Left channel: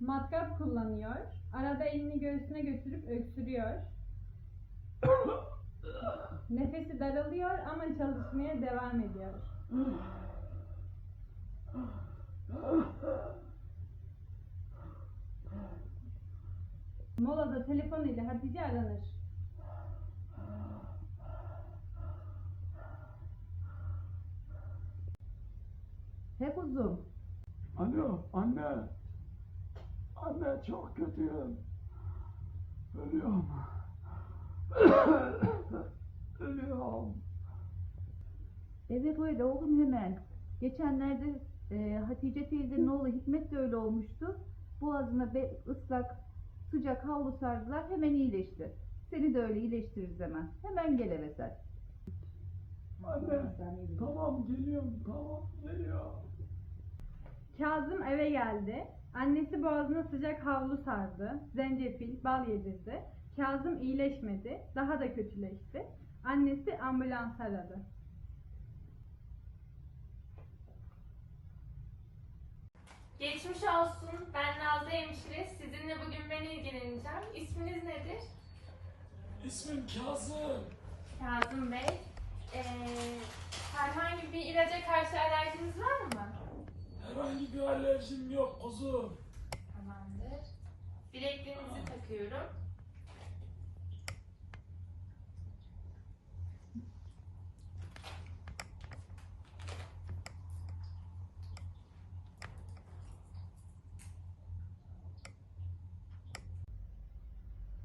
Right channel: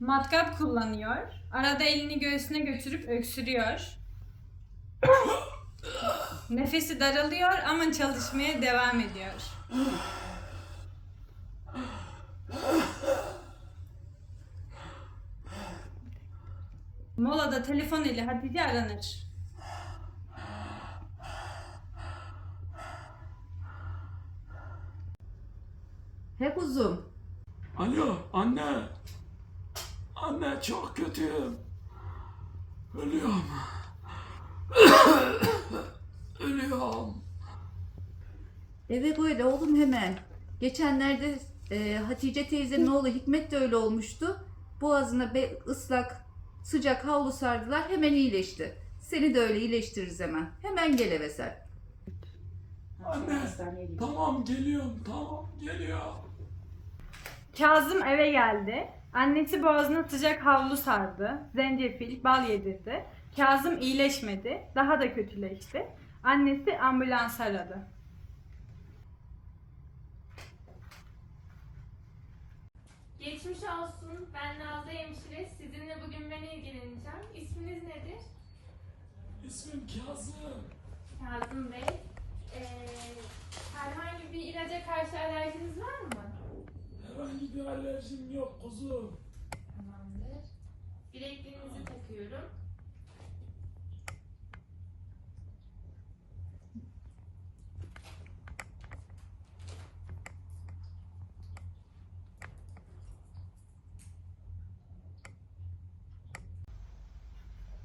Matkap kullanıyor. Arada elini göğsüne götürüp öksürüyor. Nefesi daralıyor ama çalışmaya devam ediyor. Molada telefon ile Hatice aranır. He kuzum. Alo anne. Anne çok kötüyüm. Ölüyorum. Ölüyorum. Evet öyle oğlum hemen. Geçenlerde e, Hatice teyzenin oğlu Hikmet de öyle olmuştu. Boğazına be, ıslak sıcak havlu sardılar hemen iyileşti. Seni de öyle iyileştiririz hemen. Hemen gel eve sen. Anne tamam geliyorum tamam geliyorum. Kazım eve geldi. Annesi boğazına sıcak havlu sardı. Zencefil, bal yedirdi. Kazım iyileşmedi. Daha da kötüleşti. Annesi ambulans aradı. Geçmiş olsun. Ben Nazlı Hemşire. Sizinle bugün ben ilgileneceğim. İsminiz nedir? İsmim Kazım. Kazım Bey. Ee, herhangi bir ilaca karşı alerjiniz var mı? Herhangi bir alerjim yok kuzum. Tamamdır. Bilekliğinizi takıyorum.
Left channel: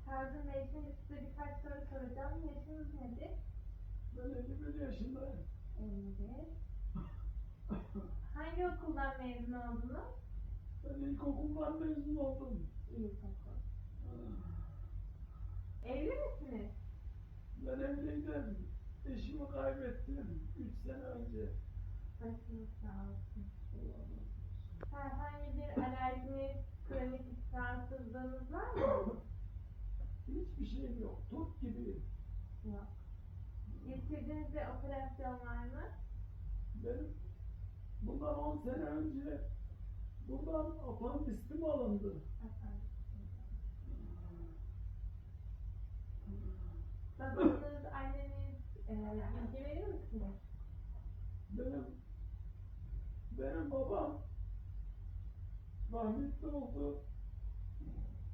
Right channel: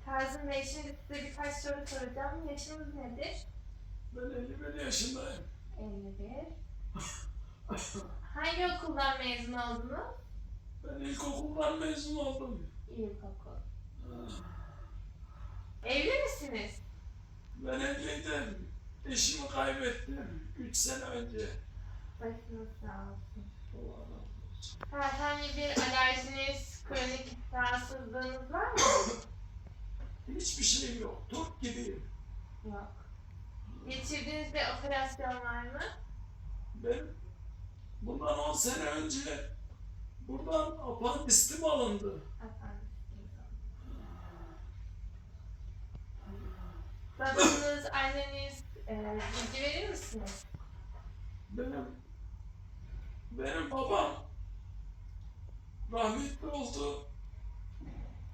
Kazım Bey şimdi size birkaç soru soracağım. Yaşınız nedir? Ben 51 yaşındayım. 51. Hangi okuldan mezun oldunuz? Ben ilkokuldan mezun oldum. İlkokul. Evli misiniz? Ben evliydim. Eşimi kaybettim 3 sene önce. Başınız sağ olsun. Allah razı olsun. Herhangi bir alerjiniz, kronik rahatsızlığınız var mı? Hiçbir şeyim yok. Turp gibiyim. Yok. Geçirdiğiniz bir operasyon var mı? Ben bundan 10 sene önce buradan apandistim alındı. Babanız, anneniz e, bilgi verir misiniz? Benim benim babam rahmetli oldu.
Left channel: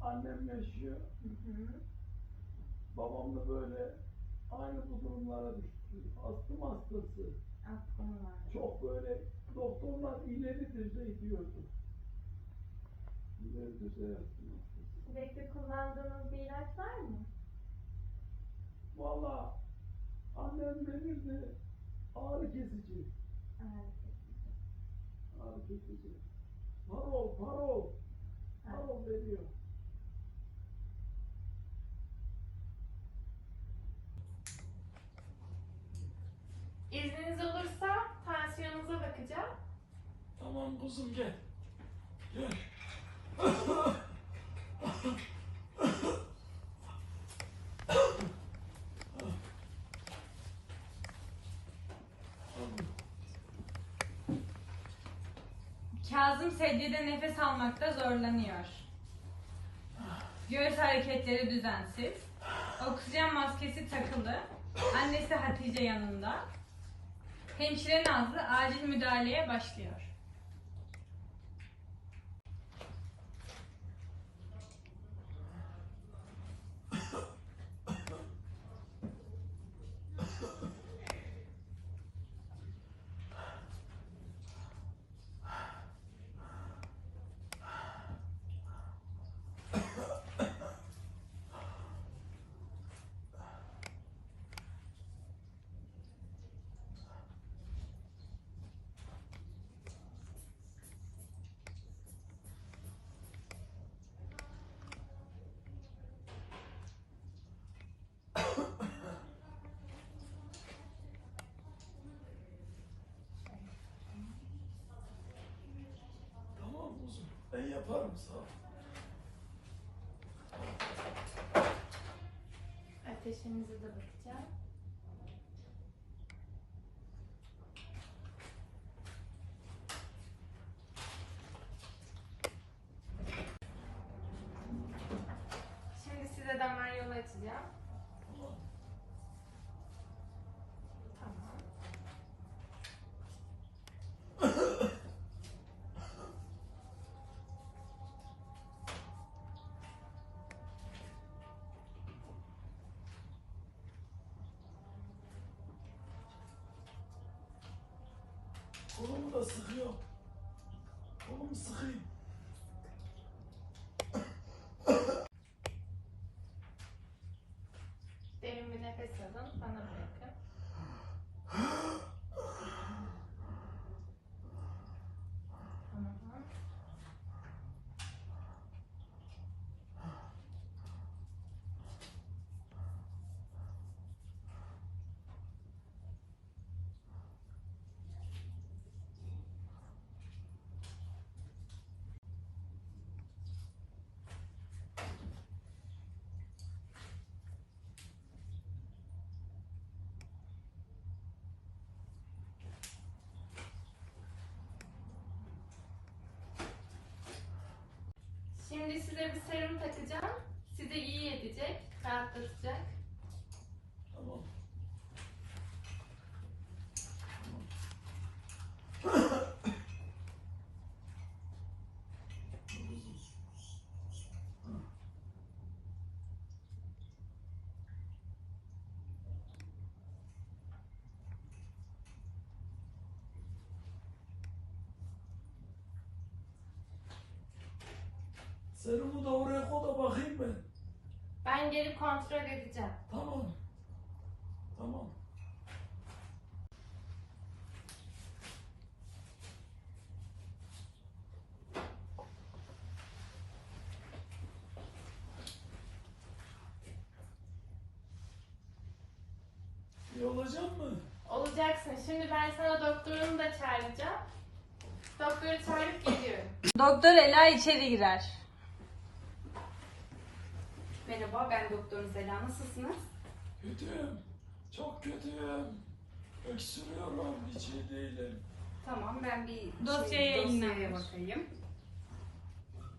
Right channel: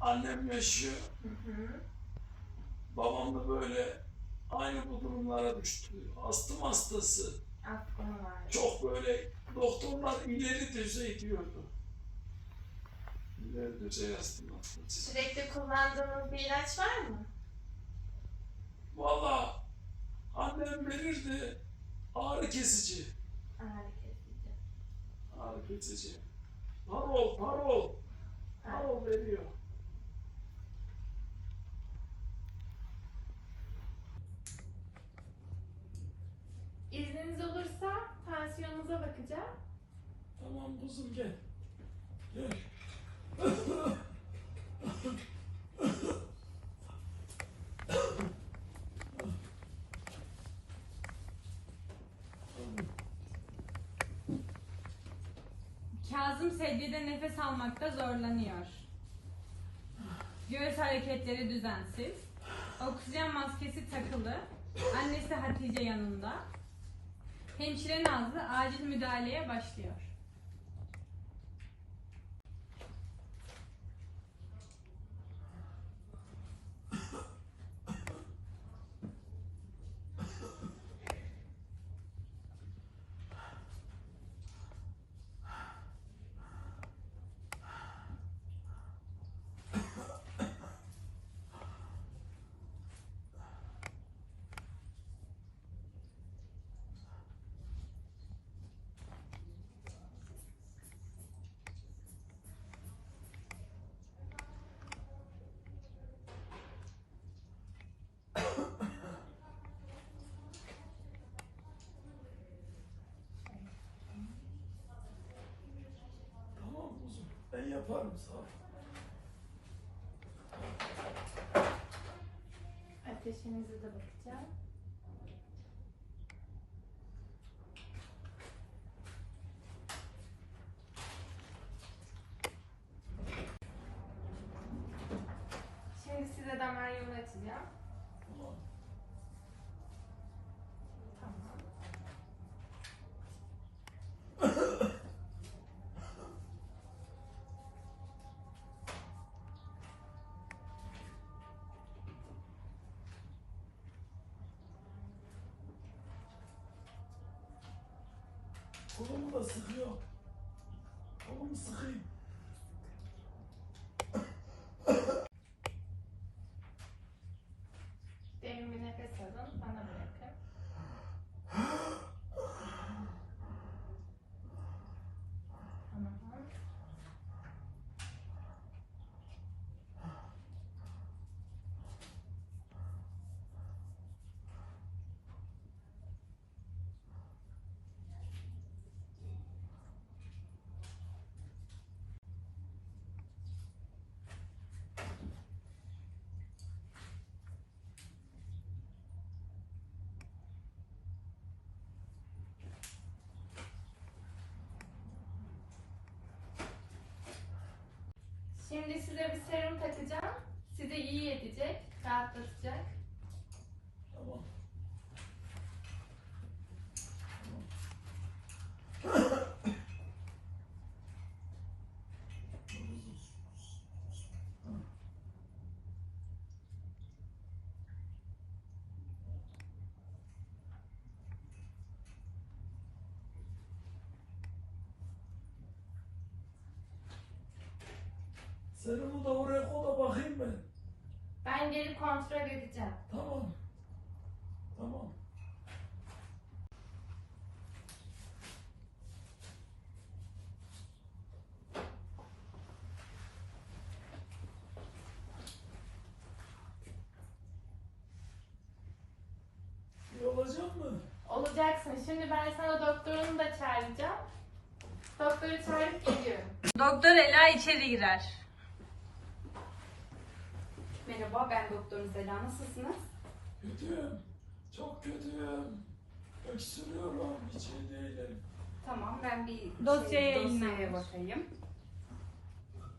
Annem yaşıyor. Hı hı. Babam da böyle aynı bu durumlara düştü. Astım hastası. Aklım var. Çok böyle doktorlar ileri düzey diyordu. İleri düzey astım. Sürekli kullandığınız bir ilaç var mı? Valla annem verirdi ağrı kesici. Ağrı kesici. Ağrı kesici. Parol, parol. Parol veriyor. İzniniz olursa tansiyonunuza bakacağım. Tamam kuzum gel. Gel. Kazım sedyede nefes almakta zorlanıyor. Göğüs hareketleri düzensiz. Oksijen maskesi takılı. Annesi Hatice yanında. Hemşire Nazlı acil müdahaleye başlıyor. yemeği yaparım sana. Ateşinize de bakacağım. Şimdi size damar yolu açacağım. Kolumu da sıkıyor. Kolumu sıkayım. Derin bir nefes alın. Bana bırakın. Tamam. Şimdi size bir serum takacağım. Size iyi edecek, rahatlatacak. Tamam. Serumu da oraya koy da bakayım ben. Ben gelip kontrol edeceğim. Tamam. Tamam. İyi olacak mı? Olacaksın. Şimdi ben sana doktorunu da çağıracağım. Doktoru çağırıp geliyorum. Doktor Ela içeri girer. Merhaba, ben Doktor Zela. Nasılsınız? Kötüyüm. Çok kötüyüm. Öksürüyorum. Hiç iyi değilim. Tamam, ben bir Dosyaya şey, dosyaya yayınlanmış. bakayım.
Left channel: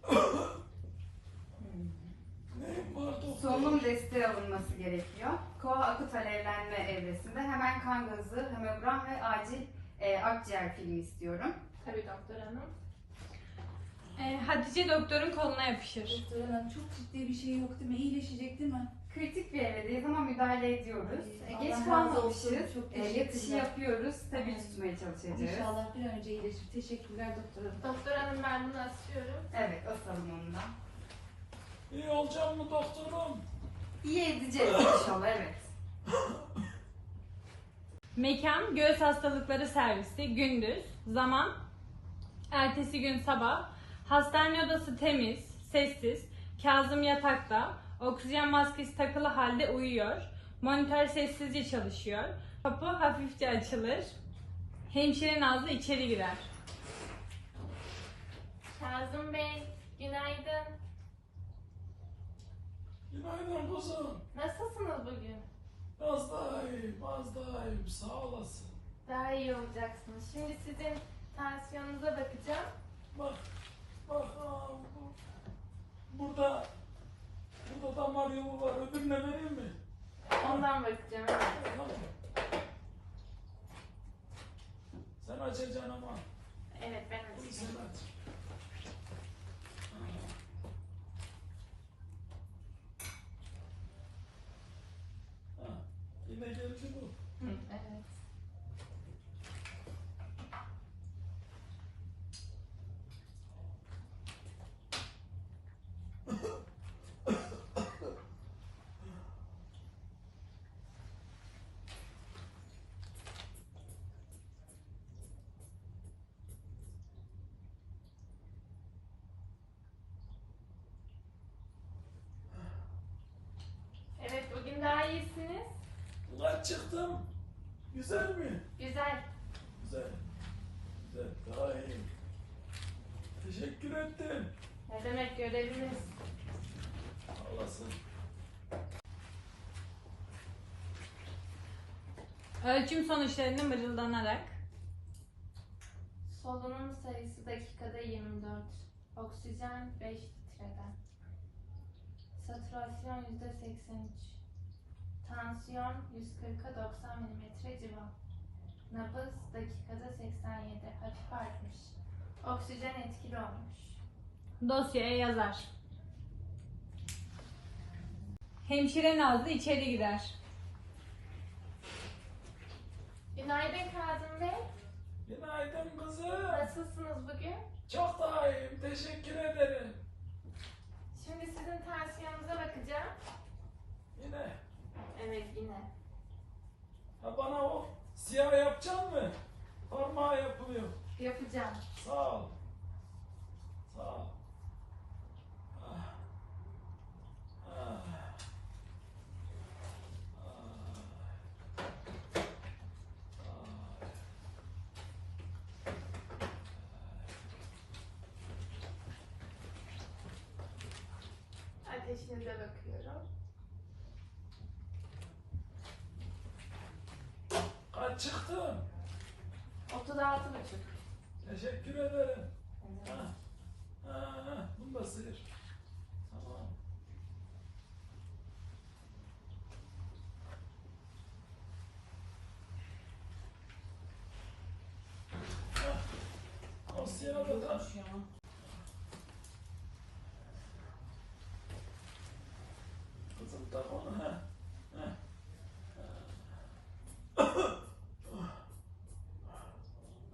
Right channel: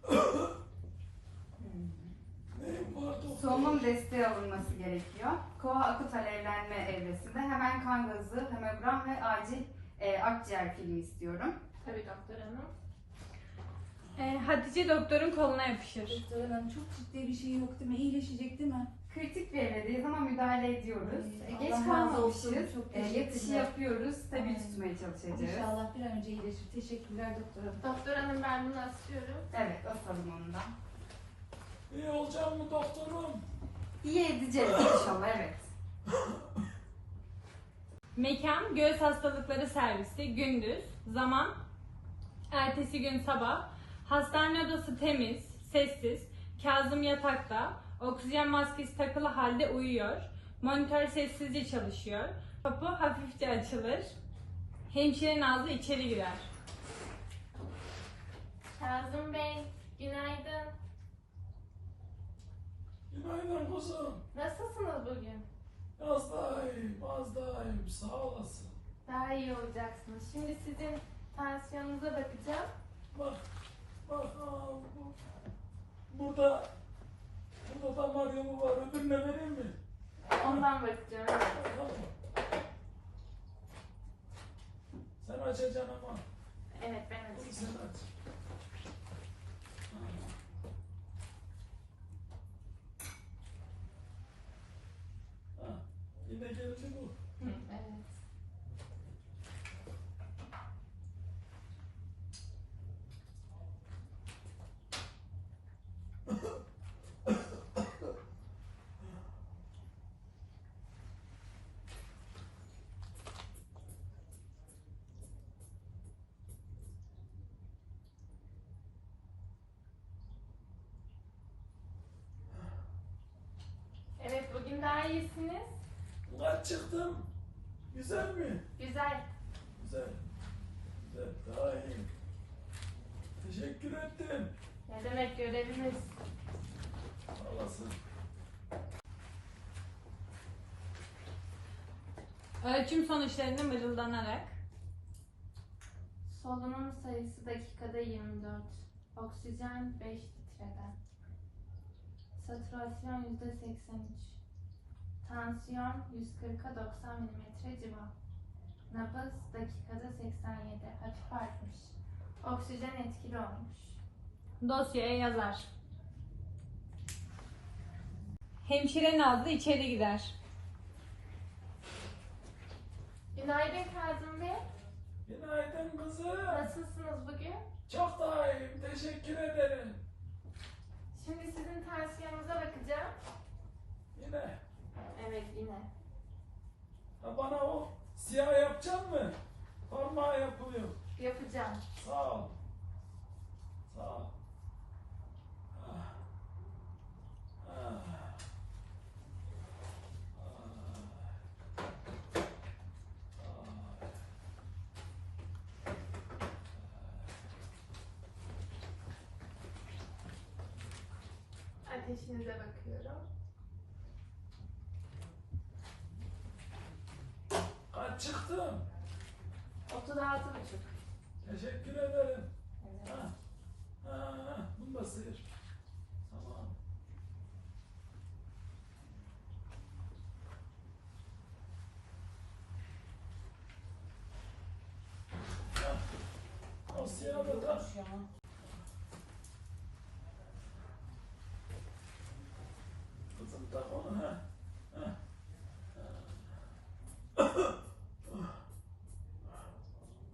Solunum desteği alınması gerekiyor. Koa akut alevlenme evresinde hemen kan gazı, hemogram ve acil e, akciğer filmi istiyorum. Tabii doktor hanım. Ee, Hatice doktorun koluna yapışır. Doktor hanım çok ciddi bir şey yok değil mi? İyileşecek değil mi? Kritik bir evredeyiz ama müdahale ediyoruz. Ay, E, Geç razı kalmamışız. olsun, çok E, yatışı teşekkürler. yapıyoruz. Stabil Ay. tutmaya çalışacağız. İnşallah bir an önce iyileşir. Teşekkürler doktor hanım. Doktor hanım ben bunu asıyorum. Evet, asalım onu da. İyi olacak mı doktorum? İyi edeceğiz inşallah, evet. Mekan göğüs hastalıkları servisi gündüz, zaman ertesi gün sabah. Hastane odası temiz, sessiz. Kazım yatakta, oksijen maskesi takılı halde uyuyor. Monitör sessizce çalışıyor. Kapı hafifçe açılır. Hemşire Nazlı içeri girer. Kazım Bey, günaydın. Günaydın kuzum. Nasılsınız bugün? Az daha iyiyim, az daha iyiyim. Sağ olasın. Daha iyi olacaksınız. Şimdi sizin tansiyonunuza bakacağım. Bak, bak aa, bu, burada, burada damar yolu var. Öbürüne vereyim mi? Ondan bakacağım. Tamam. Sen açacaksın ama. Evet ben açacağım. sen aç. Ha. Ha, Yine geldi bu. Hı, evet. Evet bugün daha iyisiniz. Çıktım? Güzel mi? Güzel. Güzel. Güzel. Daha iyi. Teşekkür ettim. Ne demek görevimiz? Sağ olasın. Ölçüm sonuçlarını mırıldanarak. Solunum sayısı dakikada 24. Oksijen 5 litreden. Saturasyon %83. Tansiyon 140'a 90 mm civa. Nabız dakikada 87. Hafif artmış. Oksijen etkili olmuş. Dosyaya yazar. Hemşire Nazlı içeri girer. Günaydın Kazım Bey. Günaydın kızım. Nasılsınız bugün? Çok daha iyiyim. Teşekkür ederim. Şimdi sizin tansiyonunuza bakacağım. Yine. Evet yine. Ha bana o siyah yapacak mı? Parmağı yapılıyor. Yapacağım. Sağ ol. Sağ ol. Ah. Ateşinize bakıyorum. Teşekkür ederim. Ha. Bunu da sıyır. Tamam. Ha. O siyahı da tak. Kızım tak onu ha. Ha.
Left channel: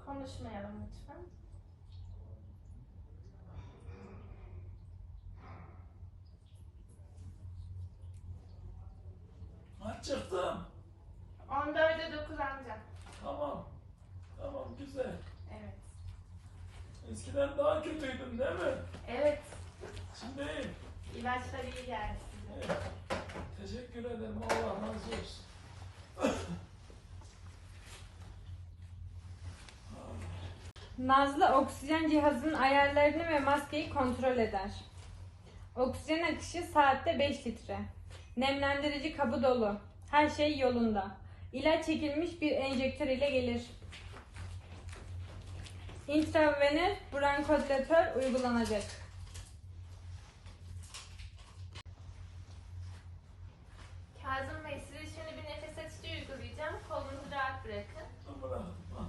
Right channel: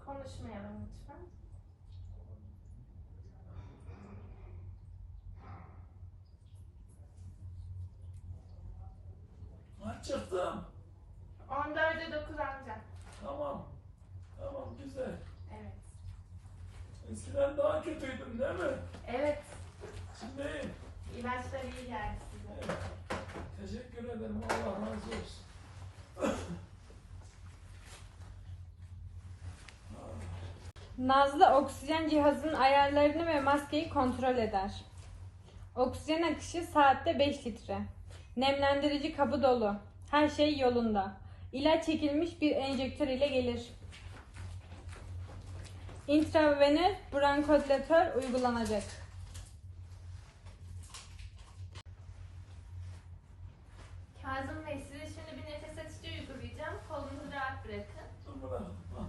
Konuşmayalım lütfen. Ha çıktım. 14'e 9 ancak. Tamam. Tamam güzel. Evet. Eskiden daha kötüydün değil mi? Evet. Şimdi iyiyim. İlaçlar iyi geldi size. Evet. Teşekkür ederim. Allah razı olsun. Nazlı oksijen cihazının ayarlarını ve maskeyi kontrol eder. Oksijen akışı saatte 5 litre. Nemlendirici kabı dolu. Her şey yolunda. İlaç çekilmiş bir enjektör ile gelir. Intravenöz bronkodilatör uygulanacak. Kazım Bey size şimdi bir nefes açıcı uygulayacağım. Kolunuzu rahat bırakın. Dur bırakın. Ha.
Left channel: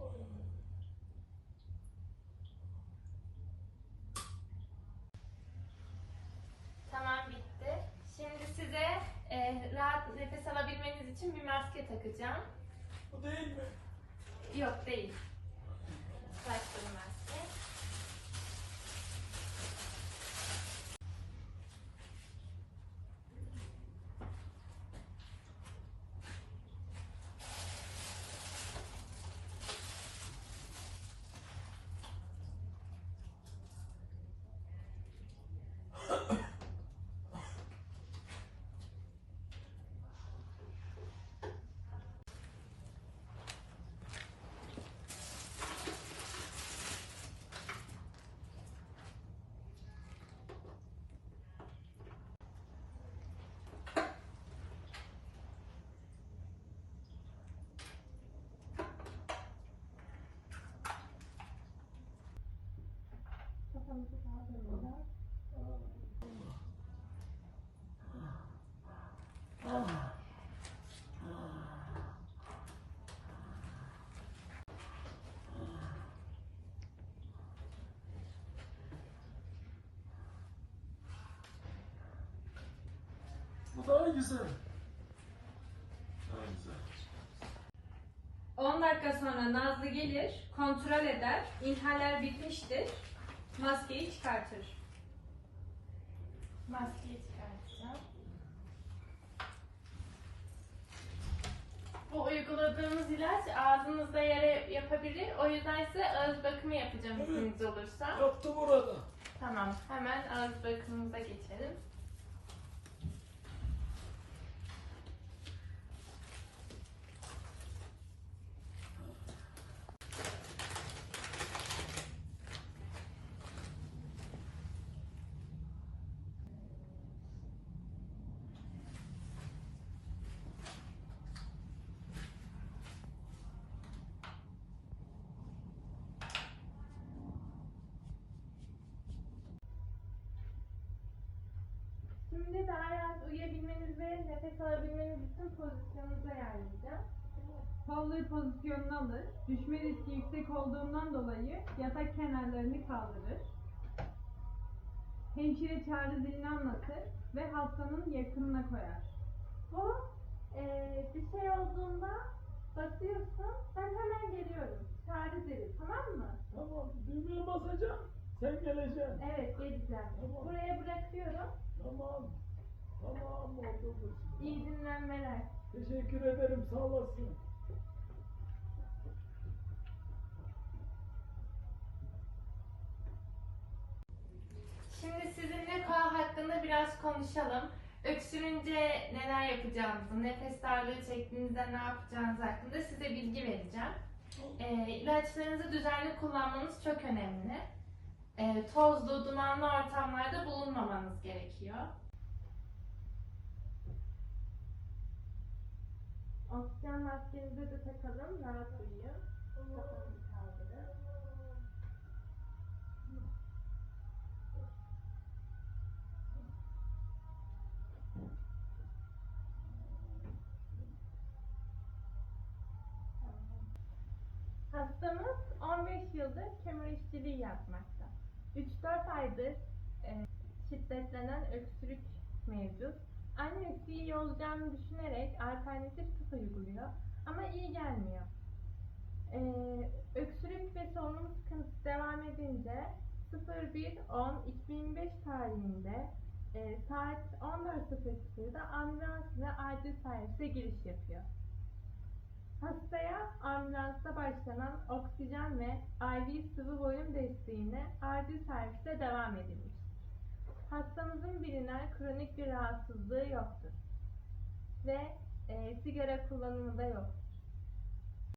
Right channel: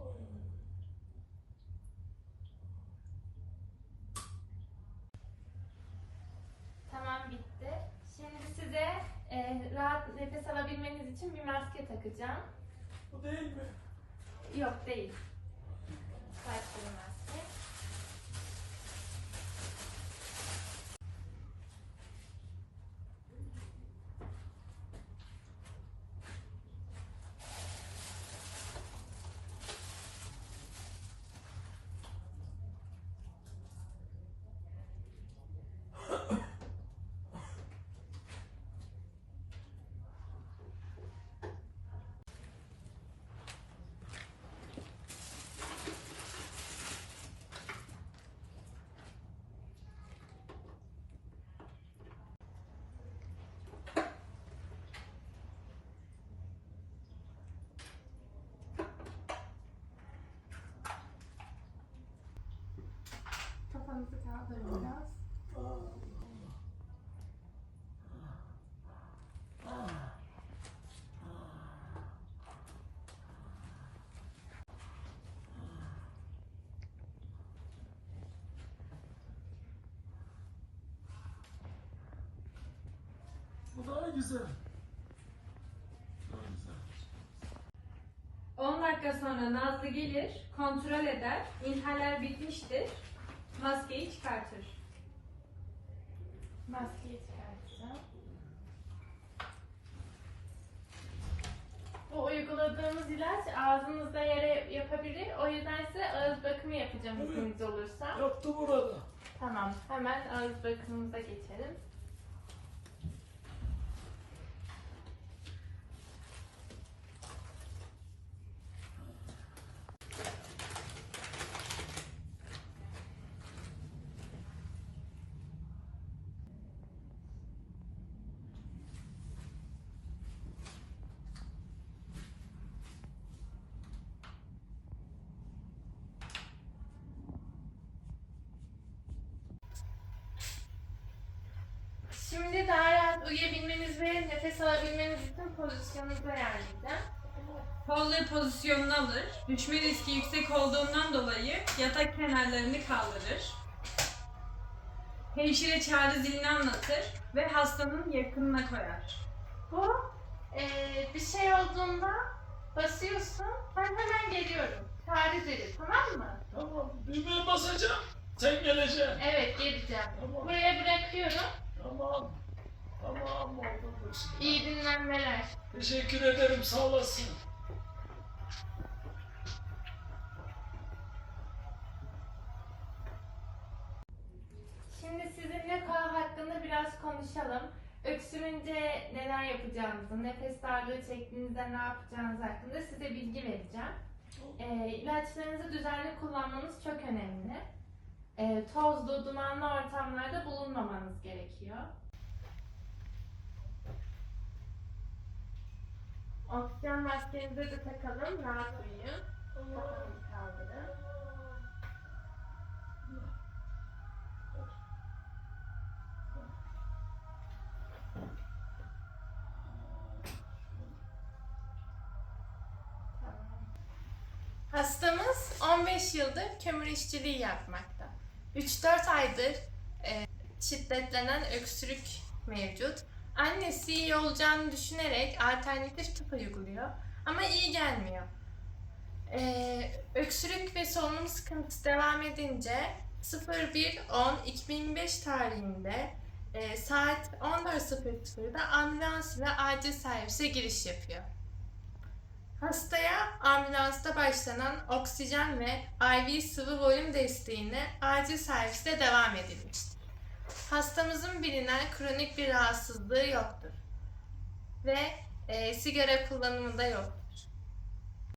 Oy, oy, oy. Tamam bitti. Şimdi size e, rahat nefes alabilmeniz için bir maske takacağım. Bu değil mi? Yok değil. Bir maske. Kafanızı kaldırın biraz. Bu daha güzel. Daha güzel. 10 dakika sonra Nazlı gelir, kontrol eder, inhaler bitmiştir, maskeyi çıkartır. Maskeyi çıkartacağım. Bu uyguladığımız ilaç ağzınızda yere yapabilir. O yüzden size ağız bakımı yapacağım izniniz olursa. Yaptı burada. Tamam. Hemen ağız bakımımıza geçelim. Nefes alabilmeniz için pozisyonunuza ayarlayacağım. Kolları pozisyonunu alır. Düşme riski yüksek olduğundan dolayı yatak kenarlarını kaldırır. Hemşire çağrı zilini anlatır ve hastanın yakınına koyar. Bu eee, bir şey olduğunda basıyorsun. Ben hemen geliyorum. Çağrı zili tamam mı? Tamam düğmeye basacağım. Sen geleceksin. Evet geleceğim. Tamam. Buraya bırakıyorum. Tamam. Tamam oldu bu iş. İyi dinlenmeler. Teşekkür ederim sağ olasın. Şimdi sizinle koa hakkında biraz konuşalım. Öksürünce neler yapacağımızı, nefes darlığı çektiğinizde ne yapacağınız hakkında size bilgi vereceğim. Ee, ilaçlarınızı düzenli kullanmanız çok önemli. Ee, tozlu, dumanlı ortamlarda bulunmamanız gerekiyor. Oksijen maskenizi de takalım, rahat uyuyun. Kafanızı kaldırın. Hastamız 15 yıldır kömür işçiliği yapmakta. 3-4 aydır e, şiddetlenen öksürük mevcut. Annesi iyi olacağını düşünerek alternatif tıp uyguluyor ama iyi gelmiyor. E, öksürük ve solunum sıkıntısı devam edince 01.10.2005 tarihinde e, saat 14.00'da ambulans ile acil servise giriş yapıyor. Hastaya ambulansta başlanan oksijen ve IV sıvı volüm desteğine acil serviste devam edilmiştir. Hastamızın bilinen kronik bir rahatsızlığı yoktur ve e, sigara kullanımı da yoktur.